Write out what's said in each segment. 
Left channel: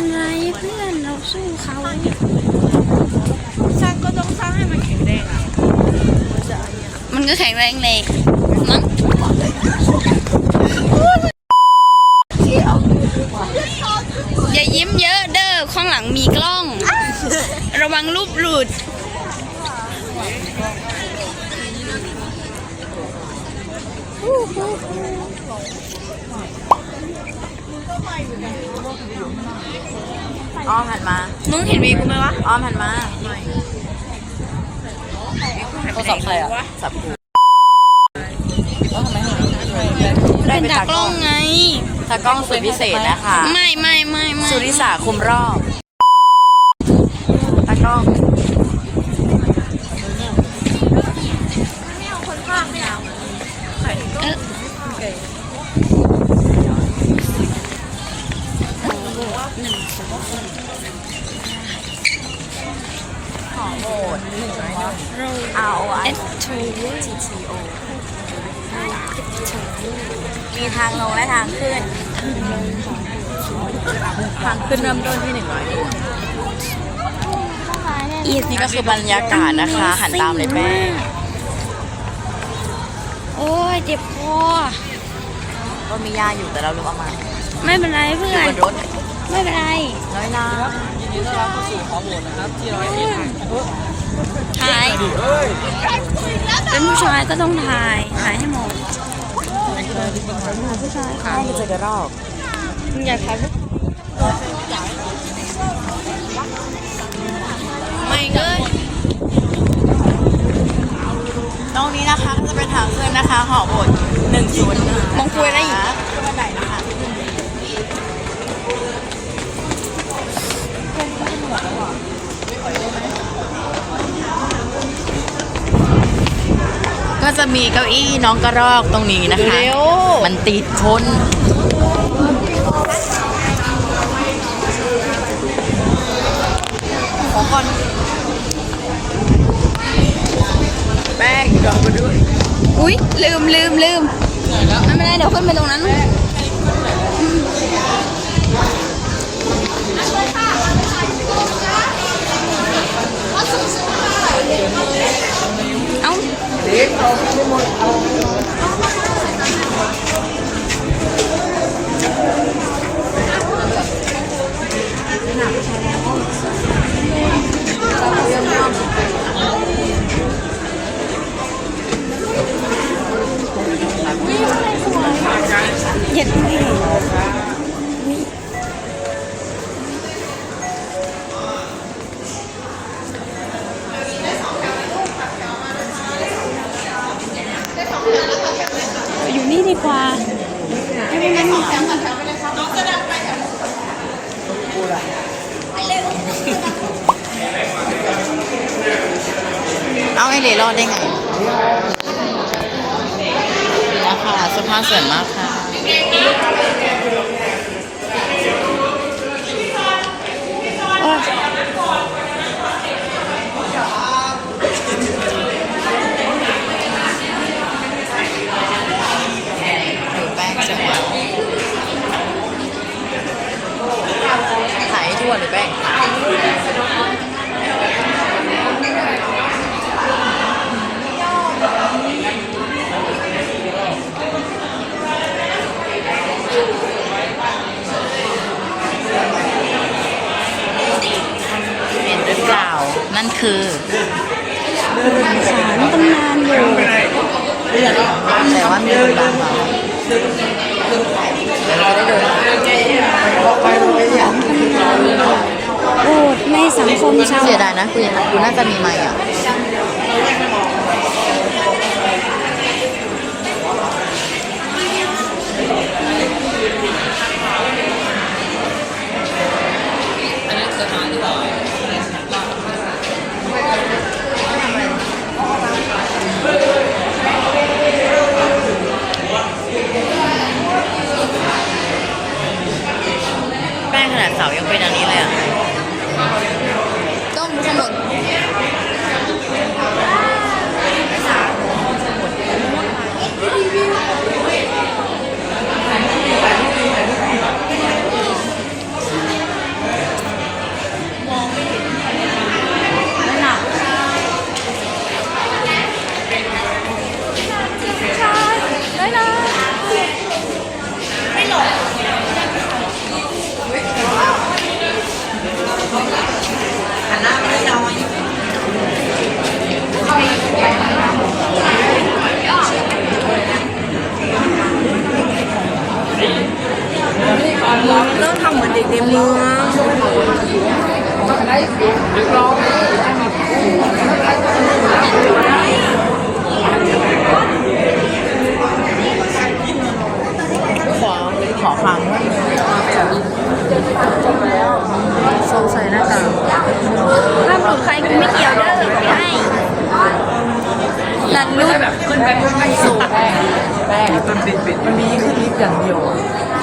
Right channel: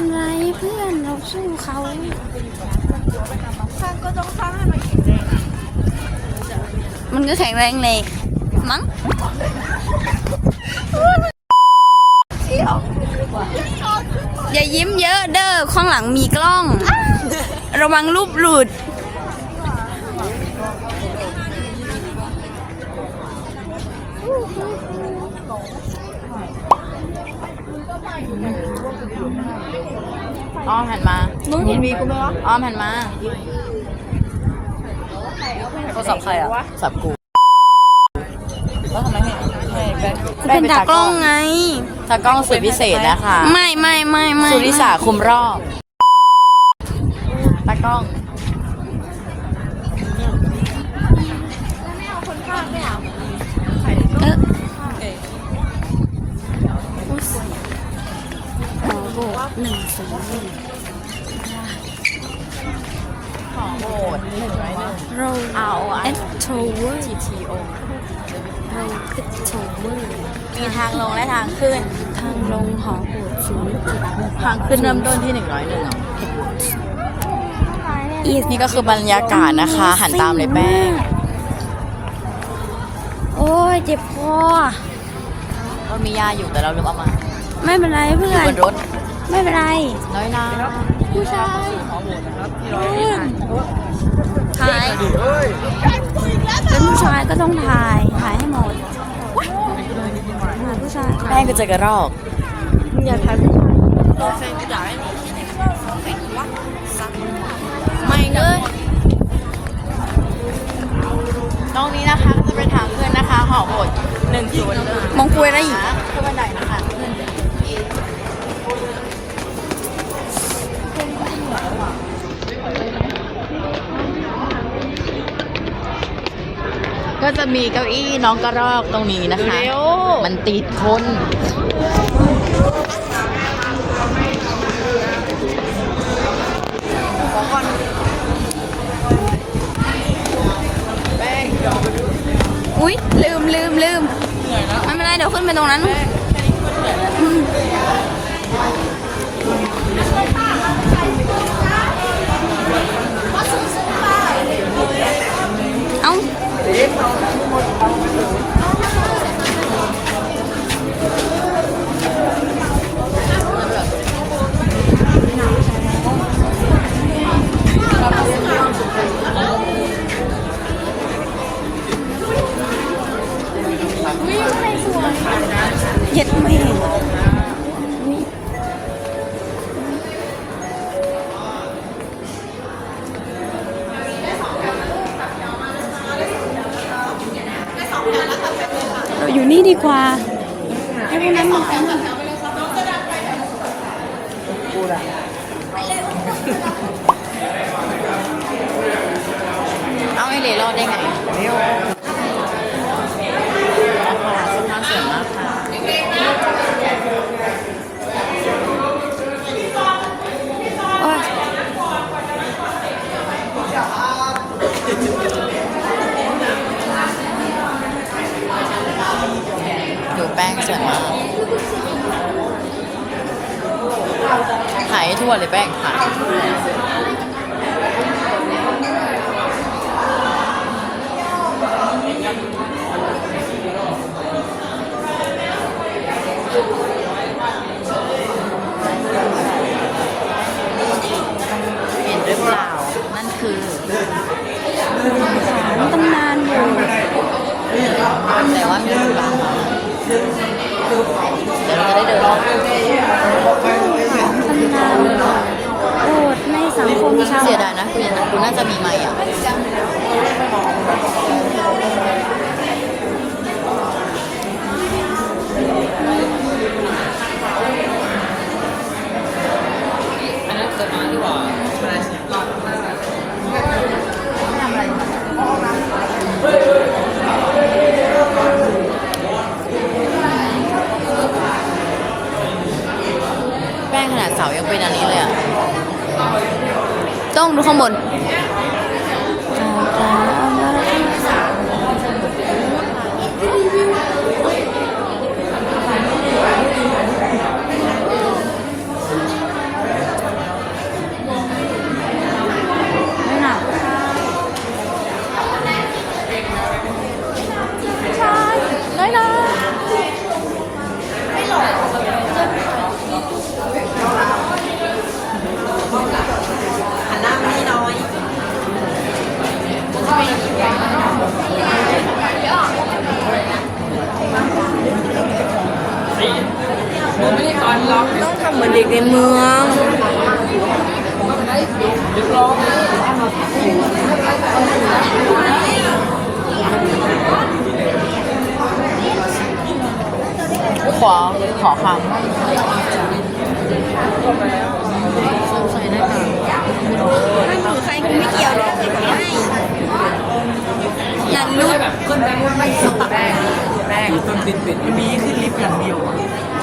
เป็นไรเพื่อนเราสู้เขาสร้างก็ต้องสร้างให้มันแข็งแรงอะมันก็แข็งแรงเลยมั้งอย่ายิ้มเยอะเด้อข้างหลังมีกล้อง ระวังรูปหลุด อ้อมหันมา มึงเห็นวีกูไหมวะอ้อมหันมาโทรศัพท์ใครอะสับกูก็ทำไมไม่ได้เป็นตากล้องไงตากล้องสุดพิเศษนะคะ ไม่ไม่ไม่ไม่สุริสาคุมรอบตากล้อง เออ ขอโหมด เรา เอาอะ เอ็ด โทเวอร์มีทางลงและทางขึ้น ทางลงหอโหดสูงทางขึ้นเริ่มต้นที่หนึ่งร้อยหนึ่งอีนี่ก็คือบรรยากาศนะคะ หันตามเลยแม่โอ้ยเจ็บคอก็มียาอยู่แต่เราลืมเอามา ไม่เป็นไรเพื่อนบนรถไม่เป็นไรน้อยนะถ่า ยอันผู้ชายก็ต้องถ่ายถ่ายให้หมดผู้ชายแม่ก็เจอกระรอกมึงอยากทำไม่เลยตรงนี้นะคะจะเป็นทางขึ้นนะคะหอหดหนึ่งศูนย์หนึ่งมองคุยอะไรอีก มีเก้าอี้น้องกระรอกตรงนี้นะคะ มันติดคนแป้งรอไปด้วยอุ้ยลืมลืมลืมไม่เป็นไรเดี๋ยวขึ้นไปตรงนั้น ต้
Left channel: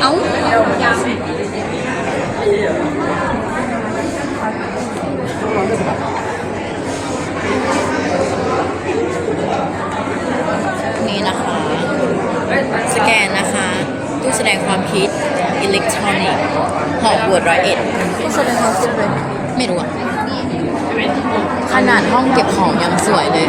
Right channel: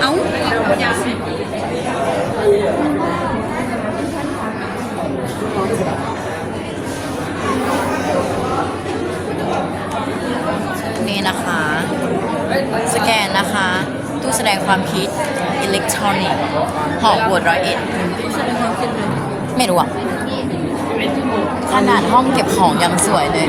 เอ้านี่นะคะ สแกนนะคะ ตู้แสดงความคิดอิเล็กทรอนิกส์หอบวดร้อยเอ็ดที่แสดงให้ดูเลยไม่รู้อะขนาดห้องเก็บของยังสวยเลย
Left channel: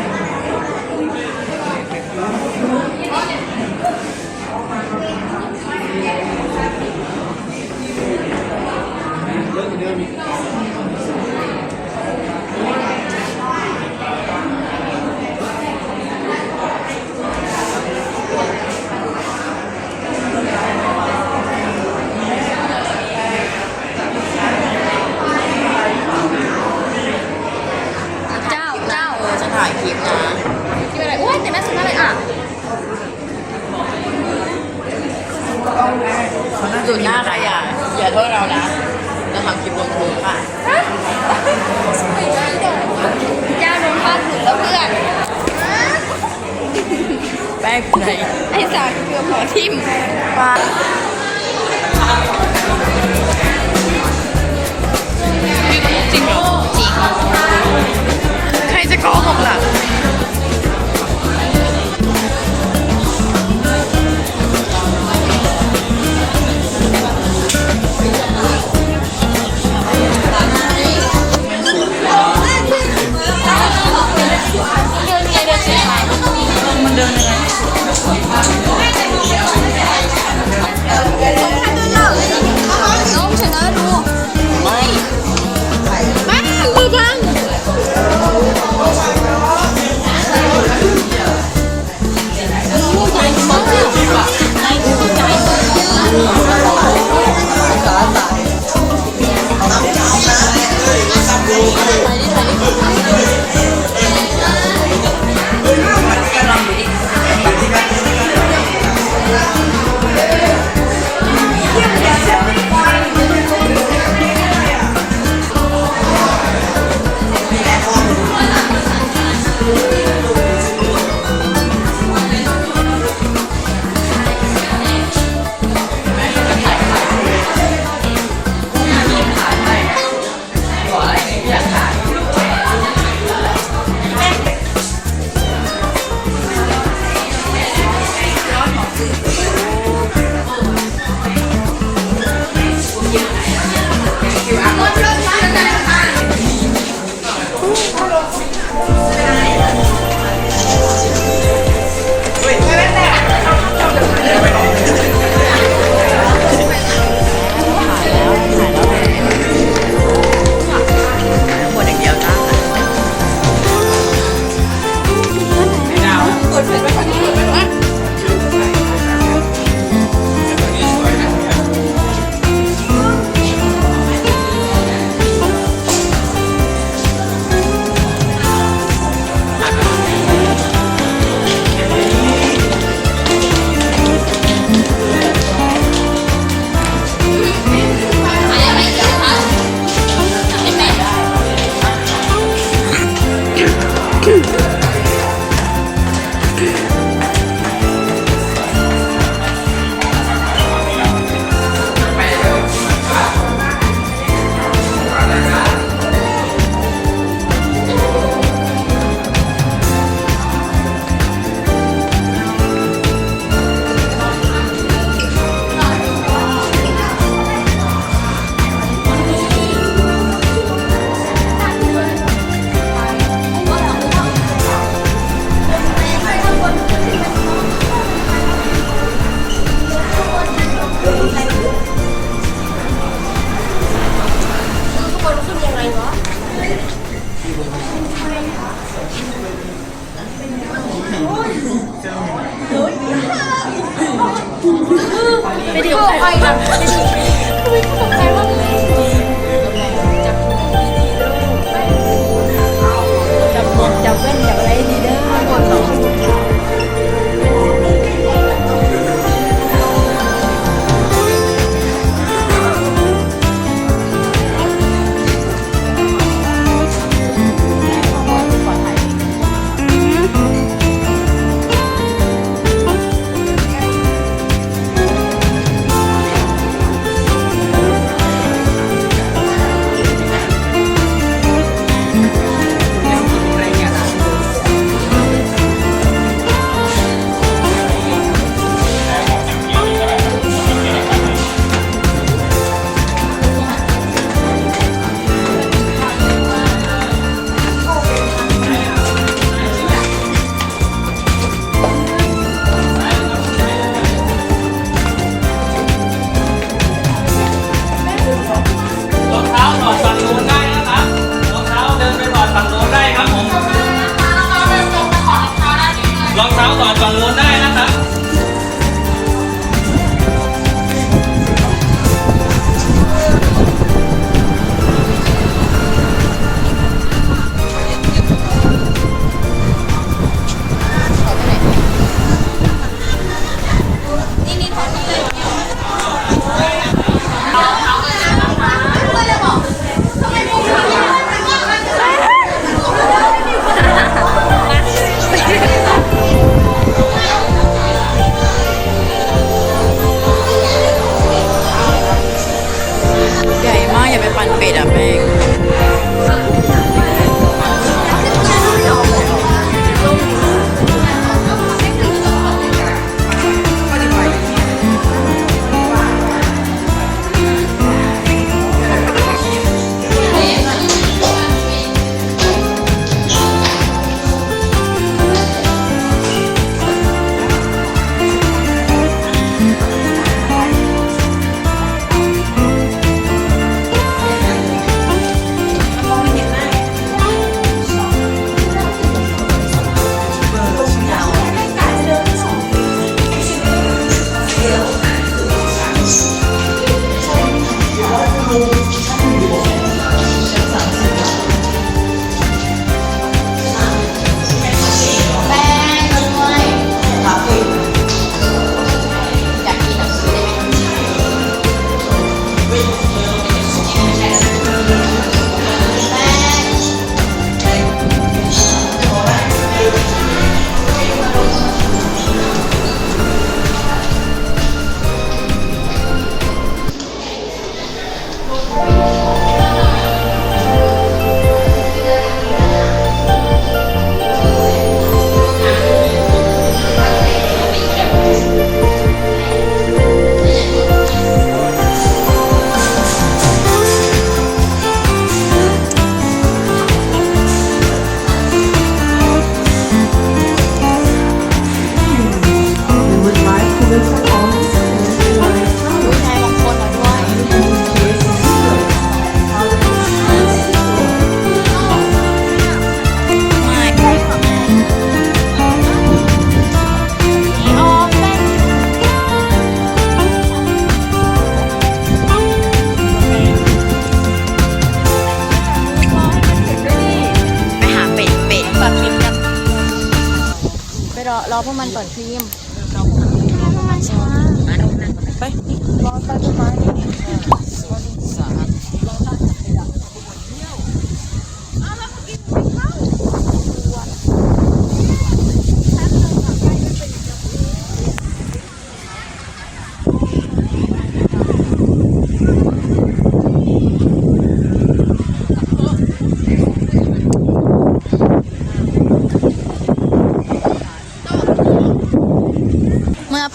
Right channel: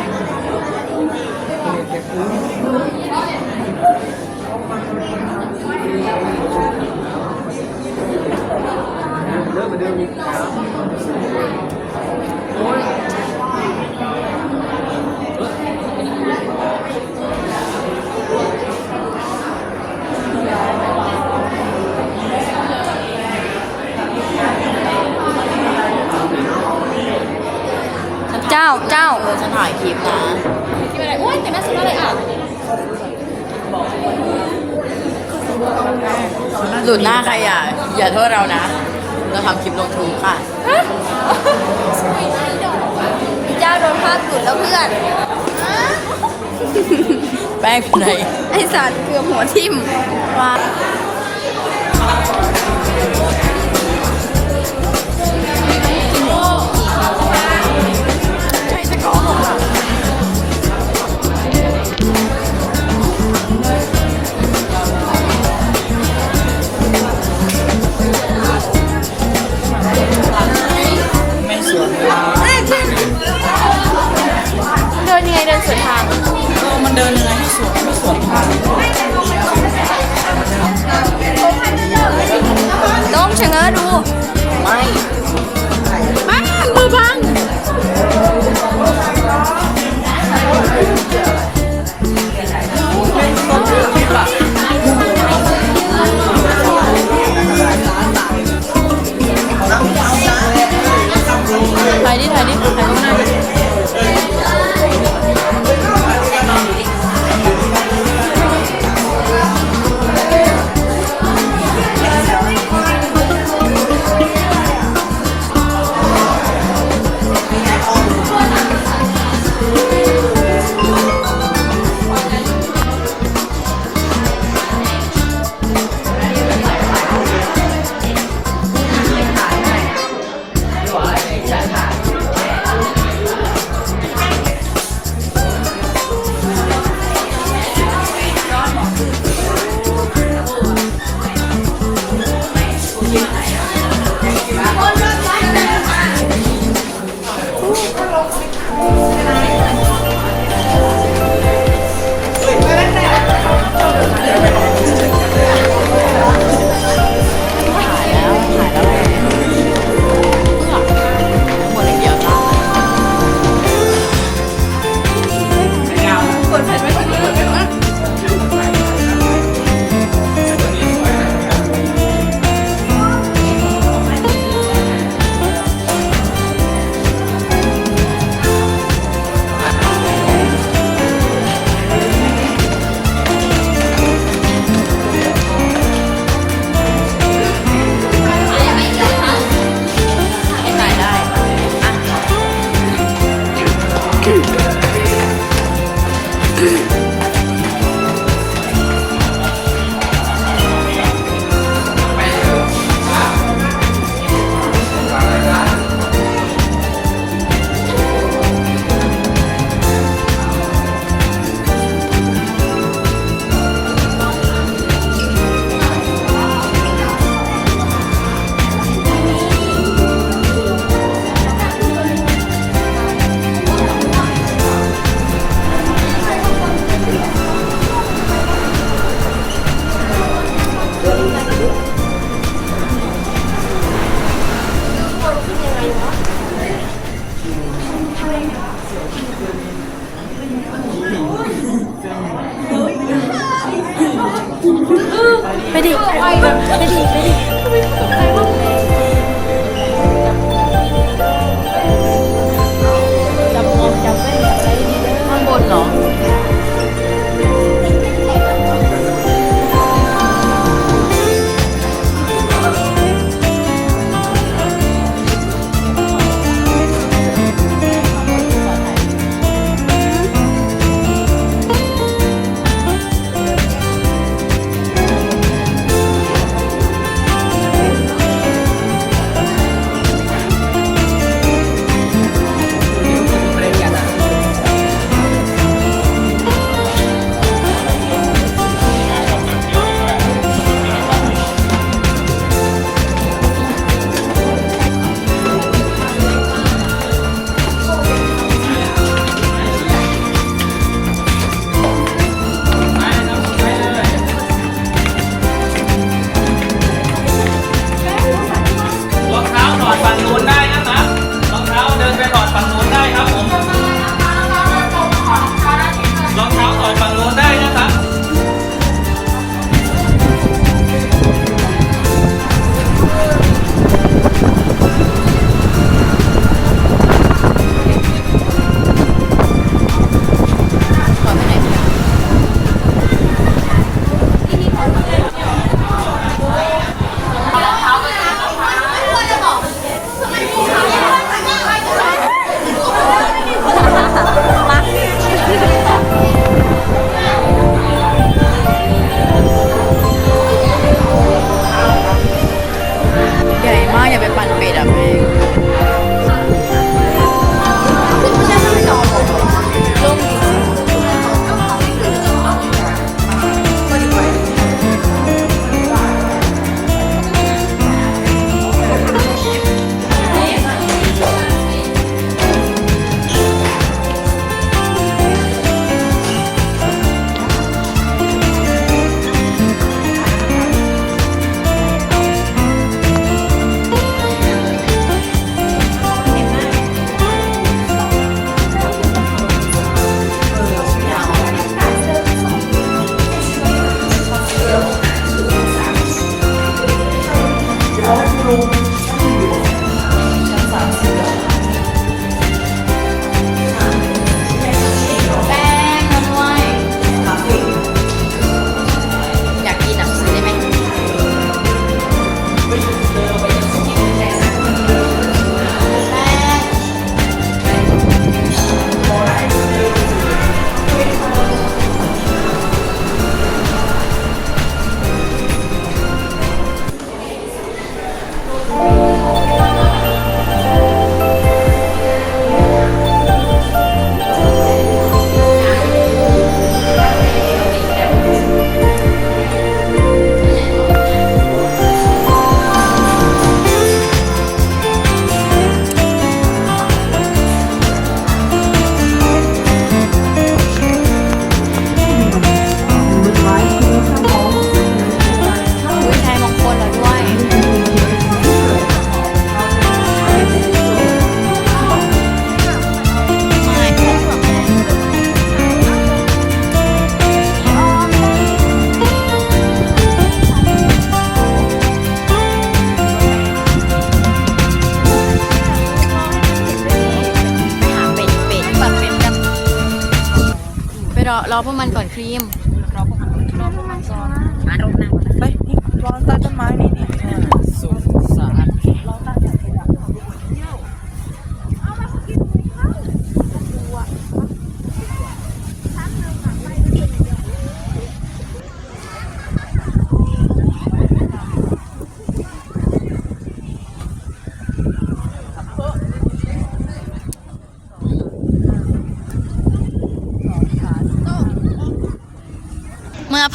เจ้าเจ้าเออฉันถ่ายคลิปนะอะไรโอ้ยแต่แม่สุดเลยอะหลุดหน้าใครอะอย่าโทษเรานะ แล้วทำคลิปลงทุนค่ะเจ้าโดนผ้าตื่นแล้วเพื่อน แป้งไหน ไอสัตว์เกือบหัวทิ่มว่า ไปเดี๋ยวใครไปนะ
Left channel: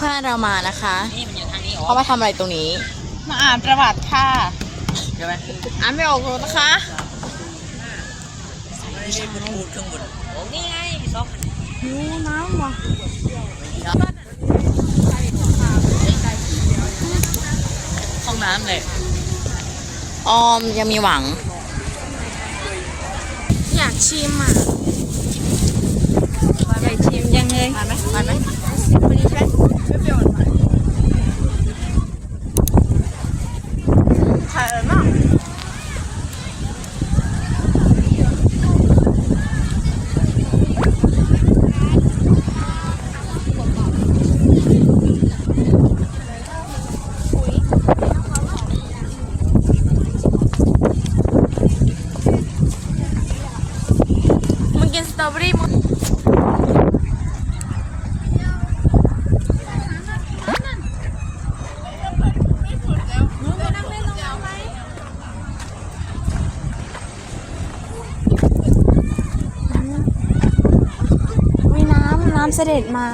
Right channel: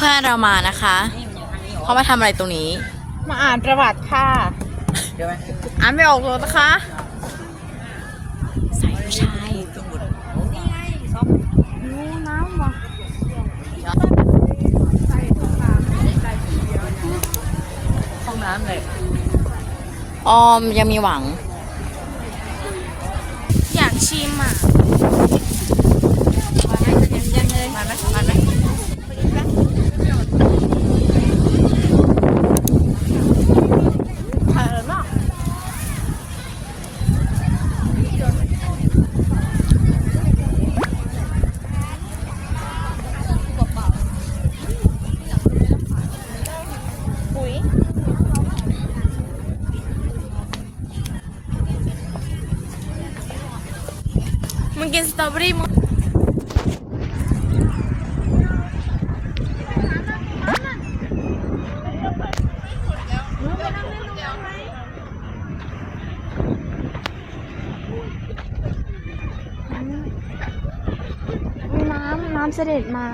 พื่อนเรามานะคะเขามาทำอะไรตรงนี้ มาอ่านประวัติค่ะเดี๋ยวไหมอ่านไม่ออกเลยนะคะห้องน้ำเลยออมยังมีหวัง อยากชิมอะ อยากชิมยังเลยมึงกินสตร อเบอรี่มึงมีน้ำน้ำเสด็จมา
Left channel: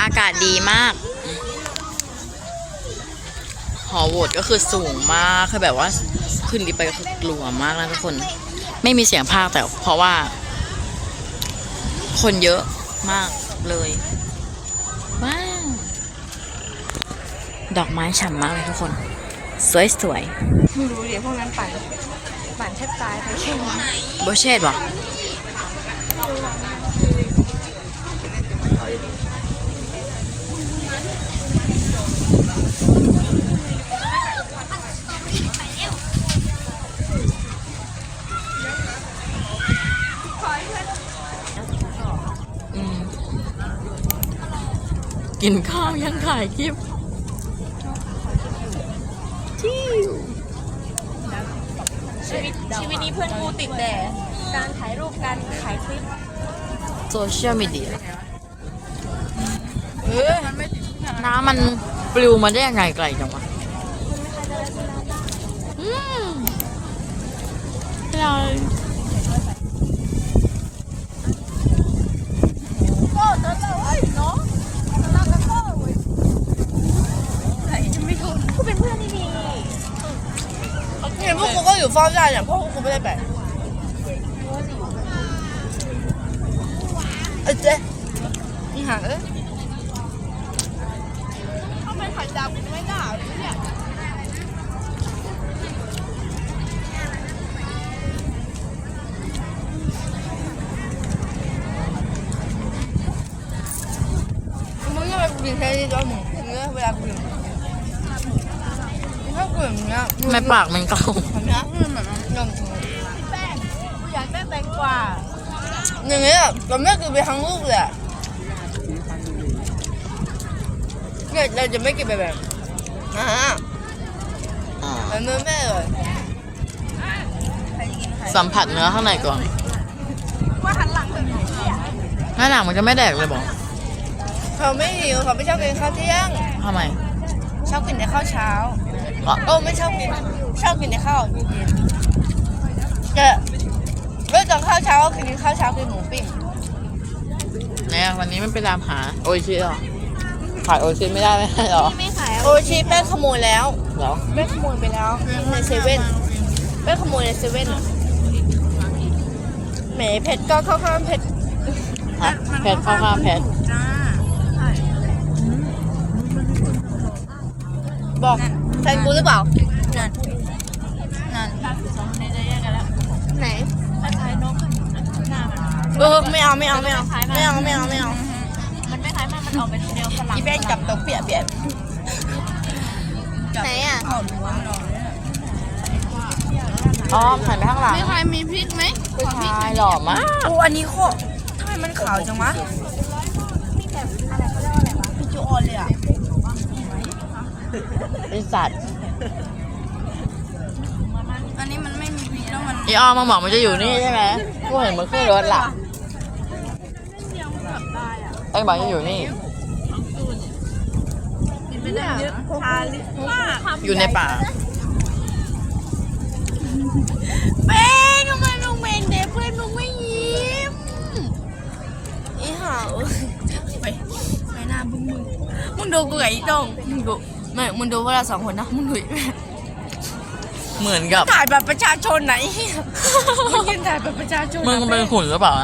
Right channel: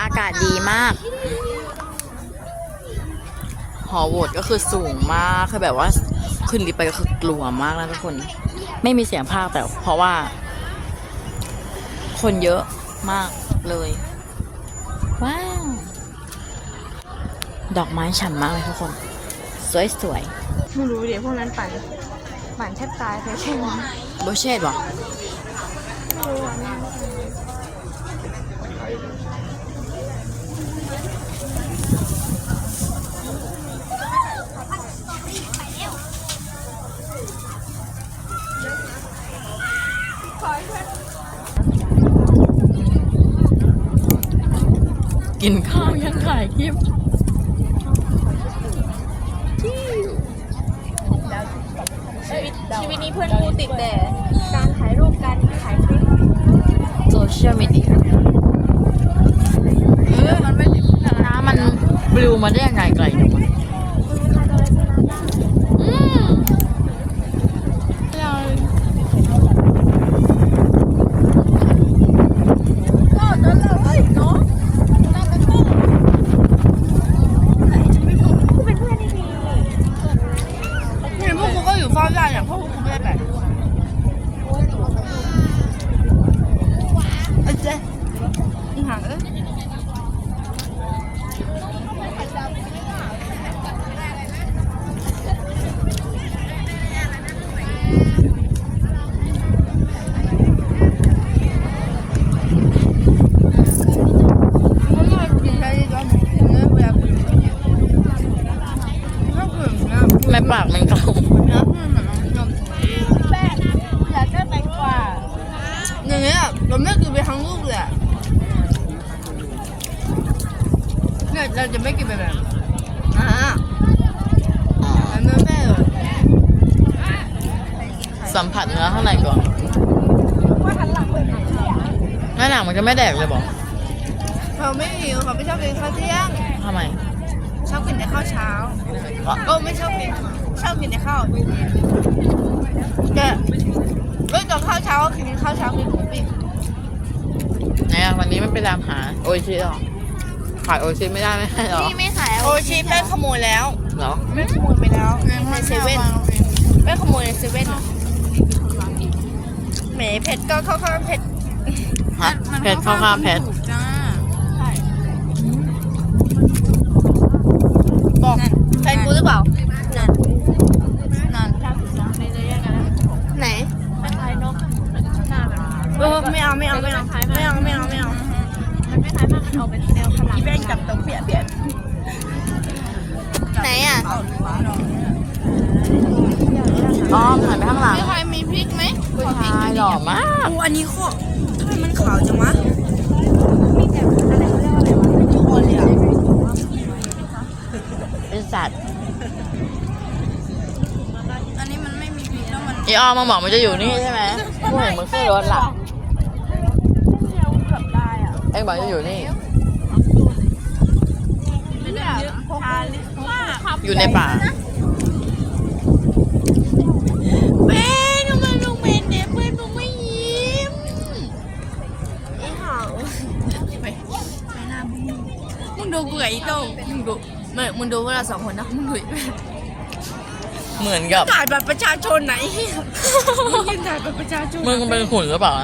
อากาศดีมาก หอโหวตก็คือสูงมากคือแบบว่าขึ้นลิฟต์ไปก็คือกลัวมากแล้วทุกคน ไม่มีเสียงภาคแต่เพราะว่า คนเยอะมากเลยว้าวดอกไม้ฉ่ำมากเลยทุกคน สวยสวยไม่รู้เดี๋ยวพวกนั้นปั่นปั่นแทบตายเลยใช่ไหมๆโบเชตวะกินข้าวยัง ถ่ายคลิป ชีวิตนี้เพื่อนกูติดแต่การถ่ายรูปการถ่ายคลิป โซเชียลมีเดียน้ำมันปลิวมาได้ยังไงไกลจังวะ เนี่ยพวกกูก็อยู่เฝ้าได้เนี่ยพวกกูไม่ได้ไปเอ้ยเจ๊อีห่าเอ้ยไม่ได้กินแค่นี้ด้วยมึงเนื้อเวลากินถ้ากินเนื้อ แม่ปากมันเก่า เนื้อเนื้อ แป้งอยากได้แตงกวา อย่างเงี้ยเราไม่กินไปทั้งลูกเลยอะเนี่ยเราจะไม่กินไปแบบอ่าอ๋อแล้วเนื้อแม่เลยสัมผัสเนื้อข้างในก่อนหน้าหนังมันจะไม่แดกเลยบอกเขาไม่หิวเขาไม่ชอบกินข้าวเที่ยงทำไมชอบกินแต่ข้าวเช้าอ๋อโอ้ไม่ชอบกินชอบกินแต่ข้าวเนี่ย เรื่องตอนข้าวเช้าก็คือกินข้าวเช้ากินหมูปิ้งเนี่ยวันนี้ไม่ไปตามหาโออิชิหรอขายโออิชิไม่ได้ไม่ใช่หรอไม่ขายโอชีแป้งขโมยแล้วเหรอแป้งขโมยไปแล้วในเซเว่นแป้งขโมยในเซเว่นแหมเผ็ดก็เข้าข้างเผ็ดฮะเพชรเข้าข้าวเพชรจ้าบอกใครกูหรือเปล่า เออไม่เอาไม่เอาไม่เอาไม่เอาไม่เอาไม่เอาอีเวนกับตกเปียกเปียกไหนอะอ้อมหันข้างหลังมีใครมีพริกไหมขอพริกชายหล่อมากอูอันนี้โคตรทำไมมันขาวจังวะไอสัตว์อันนี้มันไม่มีพริกแล้วมันไออ้อมมึงบอกมันจะอยู่นี่ใช่ไหมกูเห็นมึงขึ้นรถหลับ ไอ้บอกจะอยู่นี่ อยู่ในป่าเบ้ทำไมลุงเมนเด็กเพื่อนมึงไม่ยิ้มอีห่าไปไปหน้าบึ้งมึงมึงดูกูกับอีโต้งมึงดูไม่มึงดูพวกเราสองคนนะมึงดูเหมือนกับถ่ายแบบประชาชนไหนมึงยืนถ่ายแบบประชาชนมึงเป็นขุนหรือเปล่า